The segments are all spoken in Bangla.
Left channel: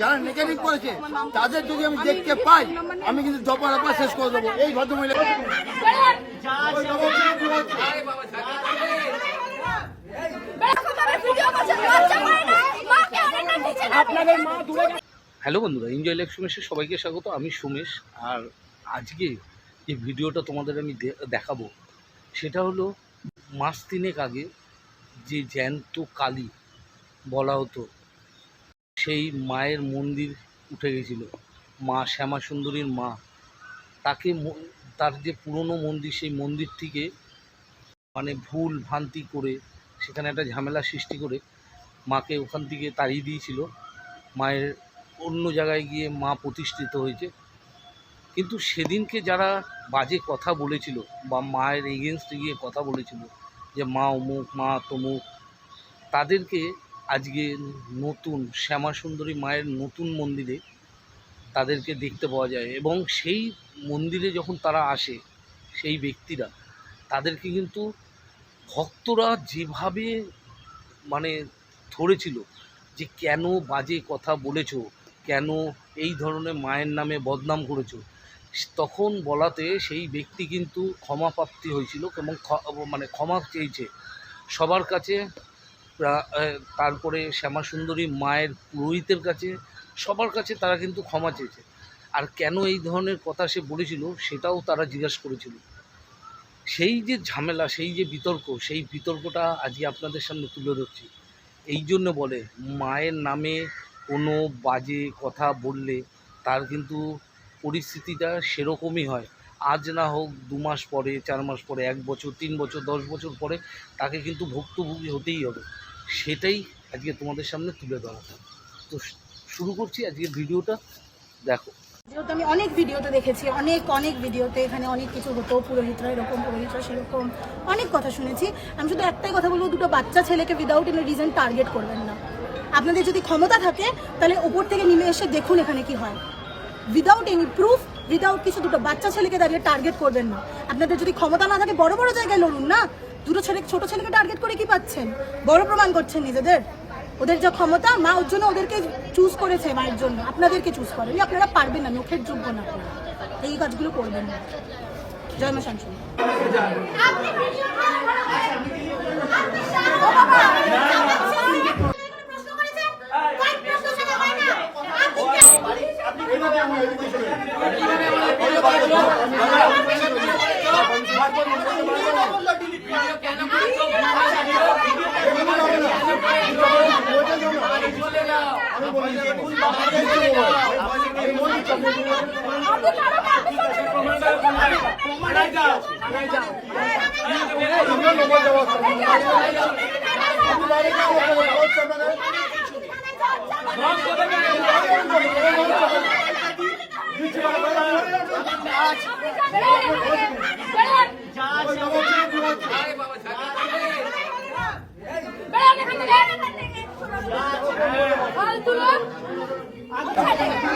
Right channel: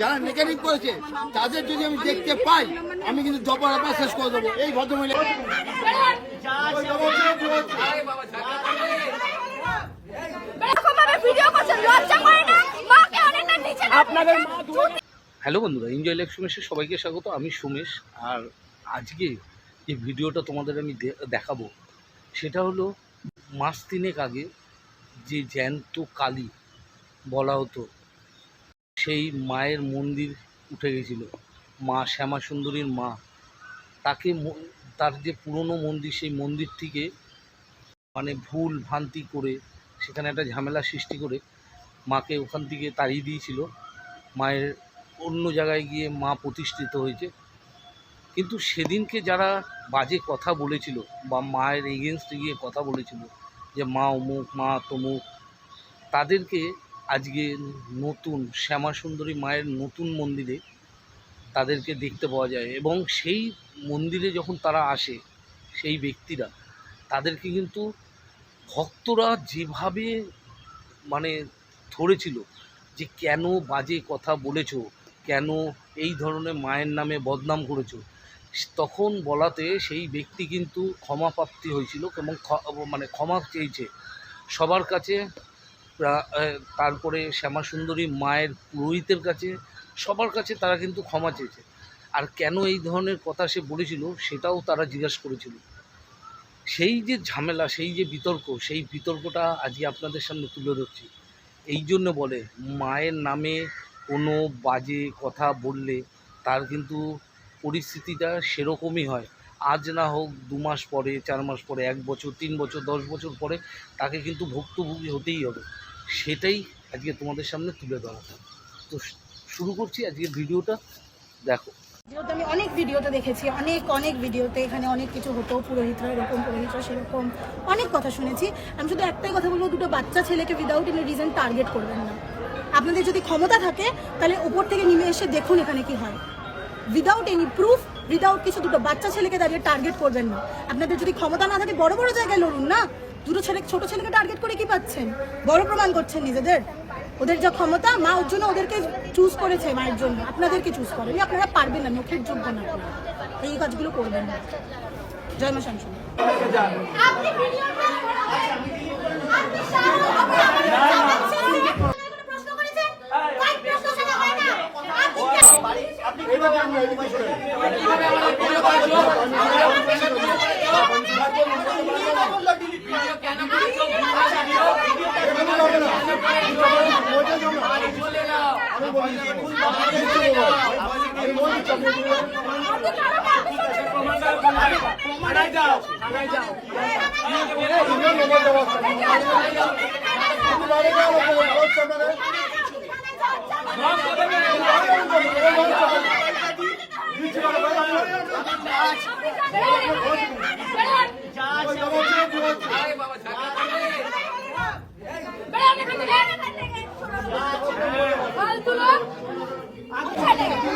যারা মেকানিক করেছে তাদের যদি আমি দেখতে পাই আমি কিন্তু দফা শেষ করে দেবো। এই ভদ্রমহিলা হ্যালো বন্ধুরা, এনজয় লাইফ সুমেশে সবাইকে স্বাগত। আমি সুমেশ। আর আজকে যে ভিডিওটা তোমাদের আমি দেখাবো সেটা হলো মাস তিনেক আগে যে জ্যান্ত কালী বলা হতো সেই মায়ের মন্দির উঠে গেছিল, মা শ্যামা সুন্দরীর মা। তাকে তার যে পুরনো মন্দির সেই মন্দিরটিকে মানে ভুল ভ্রান্তি করে সেখানে একটা ঝামেলা সৃষ্টি করে মাকে ওখান থেকে তাড়িয়ে দিয়েছিল। মায়ের অন্য জায়গায় গিয়ে মা প্রতিষ্ঠিত হয়েছে। কিন্তু সেদিনকে যারা বাজে কথা বলেছিল বা মায়ের এগেনস্টে গিয়ে কথা বলেছিল যে মা অমুক মা তমুক, তাদেরকে আজকে নতুন শ্যামা সুন্দরী মায়ের নতুন মন্দিরে তাদেরকে দেখতে পাওয়া যায়। এবং সেই মন্দিরে যখন তারা আসে সেই ব্যক্তিরা তাদেরকে কিন্তু ভক্তরা যেভাবে মানে ধরেছিল যে কেন বাজে কথা বলেছো, কেন এই ধরনের মায়ের নামে বদনাম করেছো, তখন বলাতে সেই ব্যক্তি কিন্তু ক্ষমা প্রাপ্তি হয়েছিল এবং মানে ক্ষমা চেয়েছে সবার কাছে। তারপরে শ্যামা সুন্দরী মায়ের পুরোহিতের কাছে, সবার কাছে তারা কিন্তু ক্ষমা চেয়েছে। আর কেন এই ধরনের কথা সে বলেছিল সেটাও তারা জিজ্ঞাসা করেছিল। সেই যে ঝামেলা, সেই যে বিতর্ক, সেই বিতর্কটা আজকে আপনাদের সামনে তুলে ধরছি। এই জন্য বলে মায়ের নামে কোনো বাজে কথা বললে তার কিন্তু পরিস্থিতিটা সেরকমই হয়। আজ না হোক 2 মাস পরে, 4 মাস পরে, 1 বছর, 3 বছর, 10 বছর পরে তাকে কিন্তু ভুক্তভোগী হতেই হবে। সেটাই আজকে তোমাদের সামনে তুলে ধরা। তো শুরু করছি আজকের ভিডিওটা, দেখো। যেহেতু আমি অনেক ভিডিওতে দেখেছি, অনেক ভিডিওতে এখানে অনেক কিছু হতো, পুরোহিতরা এরকম, পুরোহিতরা সেরকম, অনেক কথা শুনেছি। আমি শুধু একটাই কথা বলবো, দুটো বাচ্চা ছেলেকে উইদাউট এনি রিজন টার্গেট করবেন না। আপনাদের যদি ক্ষমতা থাকে তাহলে উপর থেকে নেমে এসে দেখুন এখানে কি হয়। উইদাউট এনি প্রুফ, উইদাউট কিছু দুটো বাচ্চা ছেলেকে দাঁড়িয়ে টার্গেট করবেন না। আপনাদের যদি ক্ষমতা না থাকে বড় বড় জায়গায় লড়ুন না। ছোট ছেলেকে টার্গেট করে কি পাচ্ছেন? বড় প্রমাণ করছেন নিজেদের। ওদের যা ক্ষমতা, মা ওর জন্য ওদেরকে চুজ করেছে, মায়ের জন্য। আপনাদেরকে চুজ করেনি, আপনারা পারবেন না, মুখের যোগ্য না আপনারা। এই কাজগুলো করবেন না। জয় মা শান্তমী।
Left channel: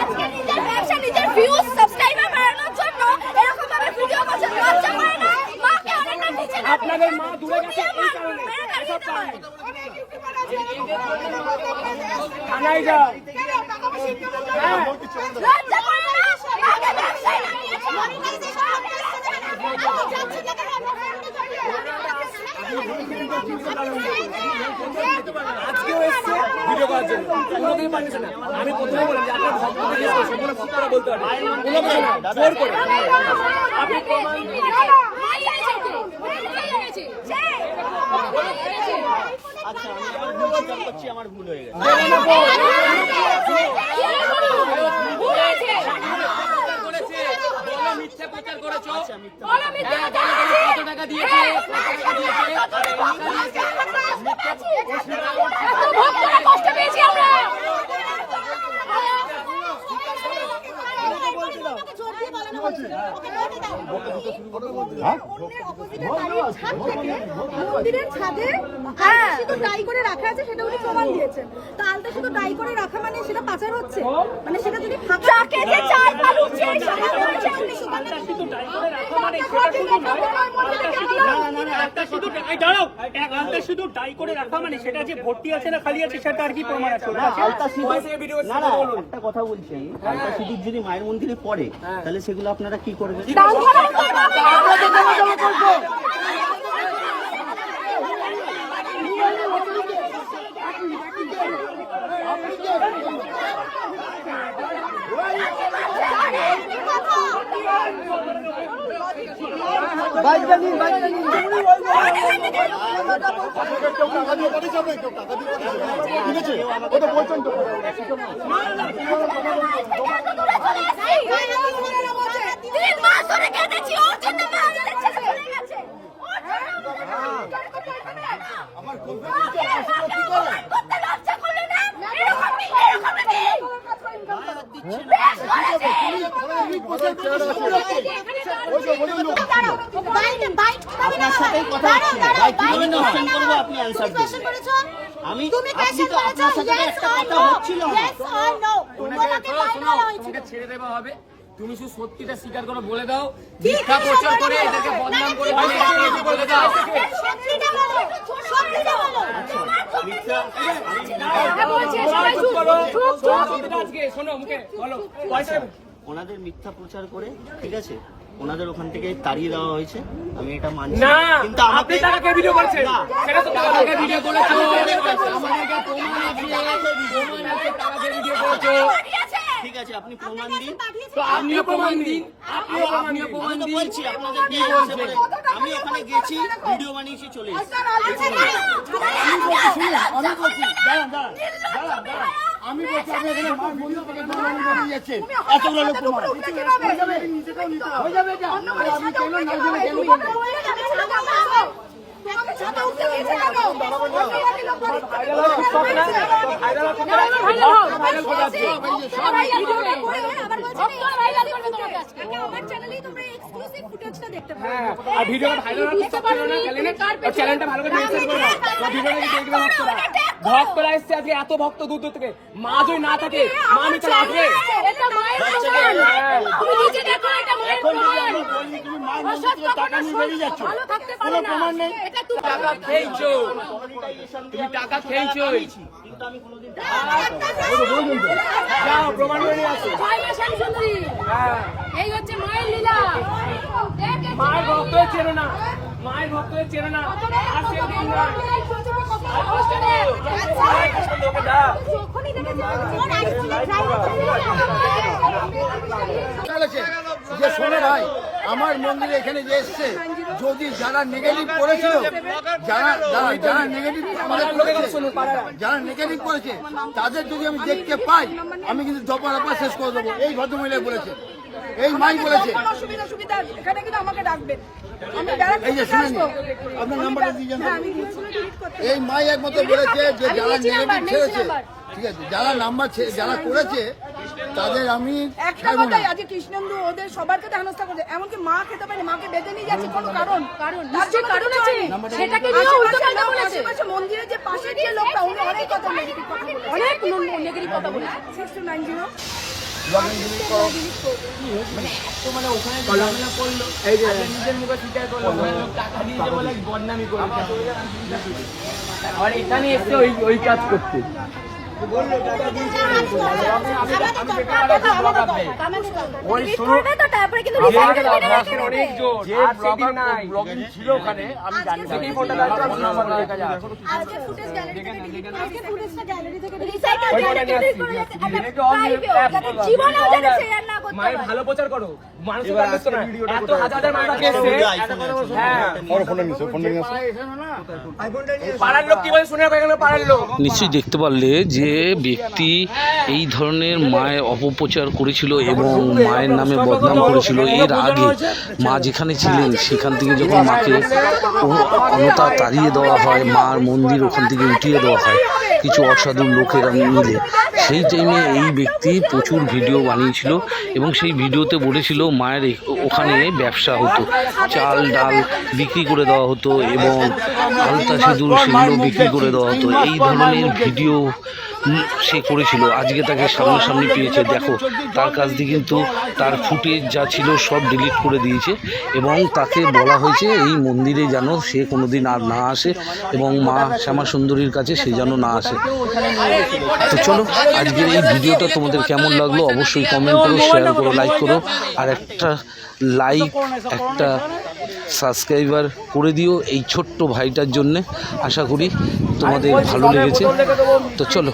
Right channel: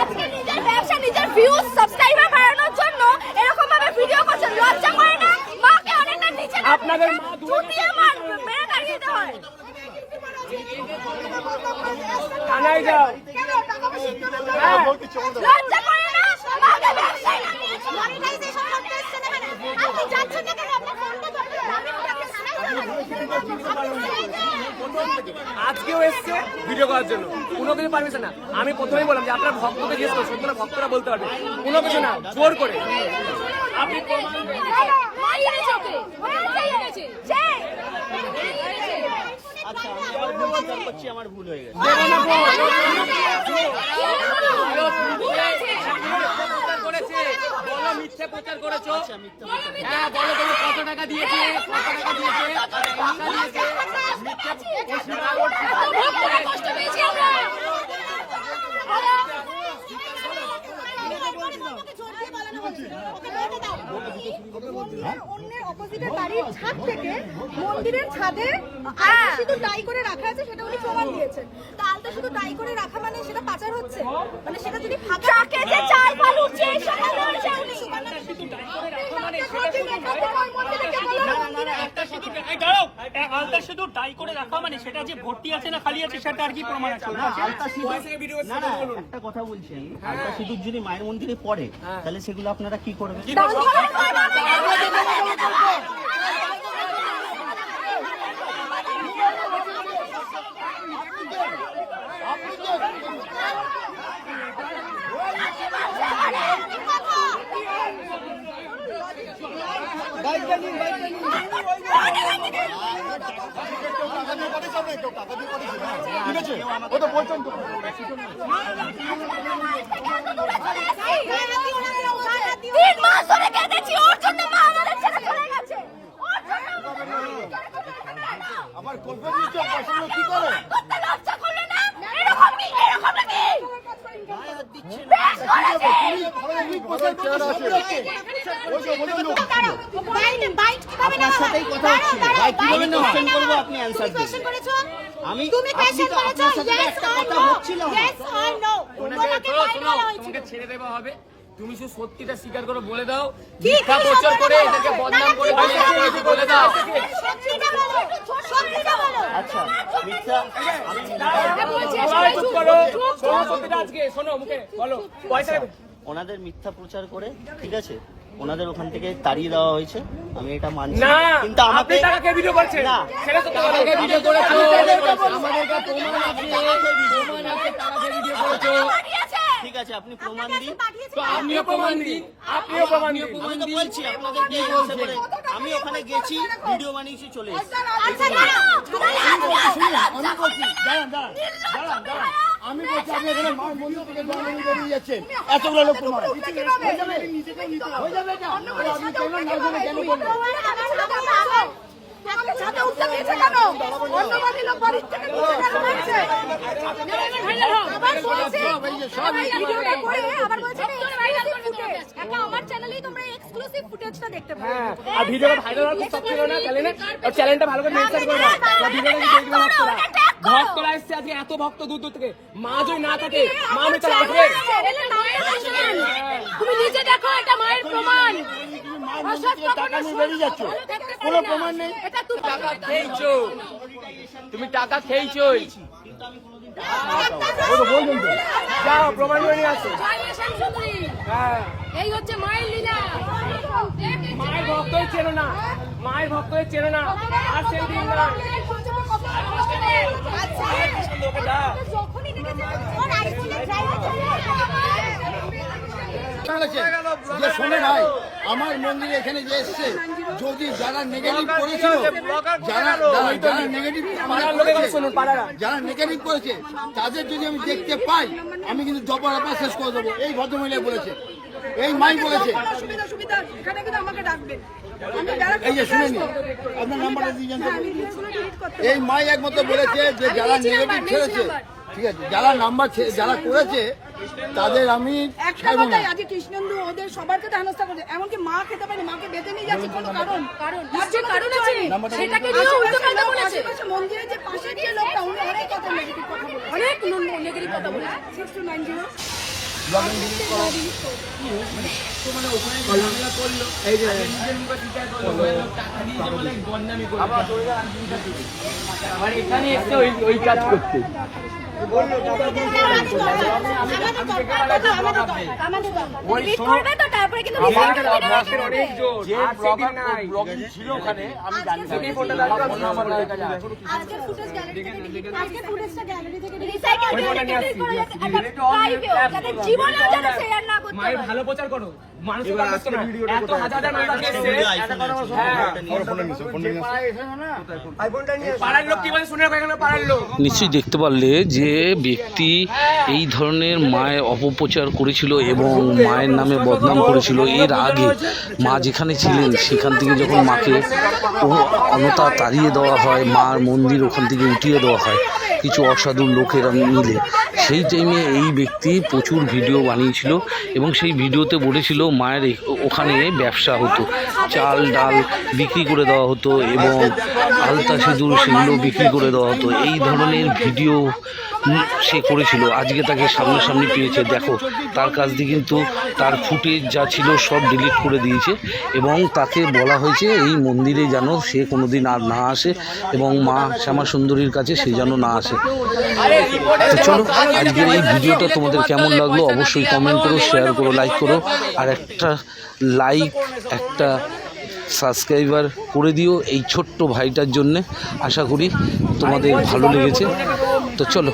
আজকে নিজের ব্যবসা, নিজের ভিউজ, সাবস্ক্রাইবার বাড়ানোর জন্য এরকম ভাবে ভিডিও করছেন। লজ্জা করে না? মাকে অনেকটা নিচে আপনাদের মা দুটিয়ে মেরে তাড়িয়ে দিতে হয়। থানায় যাও। লজ্জা করে না? মাকে ব্যবসায় লাগিয়েছে। মনিটাইজেশন করতেছেন এখানে। আপনি যাচ্ছেন না কেন? আজকেও এসছে ভিডিও করার জন্য, কোনো কিছু পারমিশন না। আমি প্রথমেই বললাম যে আপনার ভক্তকে জিজ্ঞেস করছেন, কোনো ভক্তরা বলতে পারবে কোনো কিছু না, জোর করে আপনি আচ্ছা আমি করছি, আমার ভুল হয়ে গেছে। মিথ্যে প্রচার করেছো। হ্যাঁ বলো, তুমি কত টাকা দিয়েছে? অন্যের অপোজিটে দাঁড়িয়ে ছাদ থেকে মন্দিরের ছাদে শুধু টাই করে রাখা আছে সেটা উনি প্রমাণ দিয়েছেন। তো আলতা শুধু টাই করে রাখা মানে সেটা পাচার হচ্ছে, মানে সেটা যদি ট্রাকে যে চাল ফাল উঠছে এই সব আলতা শুধু ডাই করে রাখা মানে সেটা যে ভর্তি আছে না খালি আছে সেটা আর কি প্রমাণ আছে? আলতা সিঁদুর না না একটা কথা বলছি আমি, আলতা সিঁদুর যদি মায়ের মন্দিরে পড়ে তাহলে সেগুলো আপনারা কি করবেন? তিন মাস ধরে কেঁদেছি ওর জন্য মা আমাদের ছেড়ে চলে গেছে, ওর জন্য আমার করতে লজ্জা করলে না? এরকম কি আপনার সাথেই কথা হচ্ছে, ভাই কিভাবে কোশ্চেন করবো আপনি অ্যানসার দেবেন। আমি আপনি তো আপনার সাথে একটা কথা হচ্ছিল না। তোমাকে ছেড়ে দেওয়া হবে, তুমি শুধু সত্যিটা স্বীকার করো, বলে দাও মিথ্যা প্রচার করে এটাকে বদনাম করে বলে দাও। আচ্ছা মিথ্যা আজকে শোনো মুখে বলো পয়সা ওনাদের মিথ্যা প্রচার করে, ঠিক আছে, ওনাদের ওখান থেকে তাড়িয়ে দেওয়া হয়েছে, আমি এটা মানছি। না, কিন্তু আপনি আমাকে টাকাকে ভিডিও করছেন, না, সেটা তো টাকাকে ভিডিও করেছো, আমাদের কাছে প্রমাণ আছে, টাকাকে ভিডিও করেছো, ঠিক আছে আপনি প্রমাণ দিন, তো আপনিও প্রমাণ দিন, আপনিও প্রমাণ দিন। আমি তো বলছি আপনাদের কি বলছে, আমি ওখানে গেছি, ভিডিও বানিয়েছি, চলে এসেছি। আমি বলছি আপনি এখানে মার মন্দির থেকে জন্মগ্রহণ করে যাচ্ছেন, এতগুলো লোক প্রমাণ হয়ে যাবে, হয়ে যাবে এটা। আপনি কেন না জেনে কেন করবেন? আমার চ্যানেলেই তোমরা এক্সক্লুসিভ ফুটেজটা দেখতে পাবে। হ্যাঁ, আর ভিডিওটা ভাইরাল হওয়ার চেষ্টা ছিল না চ্যানেলে, আর চ্যানেলটা ভালো করে মেনশন করে দাও, ভিডিওটা কি দেখবে ভক্তরা, ভক্তরা এসছে আজকে, এত ভক্ত দূর দূর থেকে, মা যদি না থাকে মা আমি তাহলে আসবে। তুমি নিজে দেখো এটা মায়ের প্রমাণ। তুমি মার মন্দির থেকে টাকা নিয়ে বেরিয়ে যাচ্ছ, কোনো প্রমাণ নেই। টাকা খেয়েছো, তুমি টাকা খেয়েছোই, যাও প্রমাণ করে নিয়ে আসো। হ্যাঁ, এই হচ্ছে মায়ের লীলা। মায়ের ভক্ত চেনো না, মায়ের ভক্ত চেনো না, আর সেই দিন নয়। বলেছেন যে শোনো ভাই, আমার মন্দিরে এখানে যে এসছে, যদি যারা নেগেটিভ করেছিল, যারা নেগেটিভ আমাদের করেছে, যারা নেগেটিভ করেছে তাদের যদি আমি দেখতে পাই, আমি কিন্তু জপা শেষ করে দেবো। এই ভদ্রমহিলা বলেছে, এই মাই বলেছে। এই যে শুনেনি, আপনার নাম্বারটা দিয়ে যান। এই মাই একমাত্র বলেছে যে যারা নেগেটিভ ছেড়েছে, ঠিক আছে, যারা নাম্বার যারা করেছে তাদের আমি ছাড়বো না। আজকে কৃষ্ণেন্দু ওদের সবার কাছে হেনস্থা করছে, এমনকি মা খেতে পারে, মাকে বেঁধে নিয়ে যাচ্ছে কোনো কারণ তার জন্য কিছু হয়নি। আশেপাশে মন্দিরের যে পাশের যে লোকটা, উনি অনেক কথা নেগেটিভ কথা বলে, অনেক নেগেটিভ কথা বলে। 6290 আর এখানে এসছে ওই কাজ করতে। ছিল ওখানে আমি জানি মায়ের ভালো প্রচার করো, মানুষের পাড়ার লোক কি বলে শুনে পাড়ার লোক নিশ্চয়ই দেখতে পারলে যে ব্যক্তি এই ধরনের মায়ের অপপ্রচার করেছিল এবং মায়ের নামে বদনাম করেছিল। এর আগে মা যেখানে ছিলেন সেখান থেকে যখন মাকে অনতা তাড়িয়ে দেওয়া হয়, মার মন্দির ওখান থেকে উঠিয়ে দেওয়া হয়, কিছু অসাধু লোকেরা মিলে। সেই টাইমে এই ব্যক্তি প্রচুর ভিডিও বানিয়েছিল এবং সেই ভিডিওতে বলেছিল মায়ের ওখানে ব্যবসা হতো, চাল ডাল বিক্রি করে দেওয়া হতো এবং আলতা সিঁদুর সেগুলো বিক্রি করে দেওয়া হতো। এই ধরনের ভিডিও সে করেছিল। আজকে তাকে সামনাসামনি পেয়েছে, দেখো তার কাছ দিয়ে কিন্তু তার ফুটেজ যা ছিল সব ডিলিট করে দিয়েছে এবং তাকে বলা হয়েছে এই মন্দিরে যেন সে কোনোদিন আর না আসে এবং মা শ্যামা সুন্দরীর কাছে সে যেন না আসে। তো চলো, আজকের এই ভিডিওটা তোমাদের কেমন লাগলো অবশ্যই কমেন্ট করো, শেয়ার করো, লাইক করো, আর একটা লাইক একটা সাবস্ক্রাইবার করে দিও এই ছোট্ট ভাইটার জন্যে। আশা করি তোমাদের ভালো লেগেছে। তো চলো।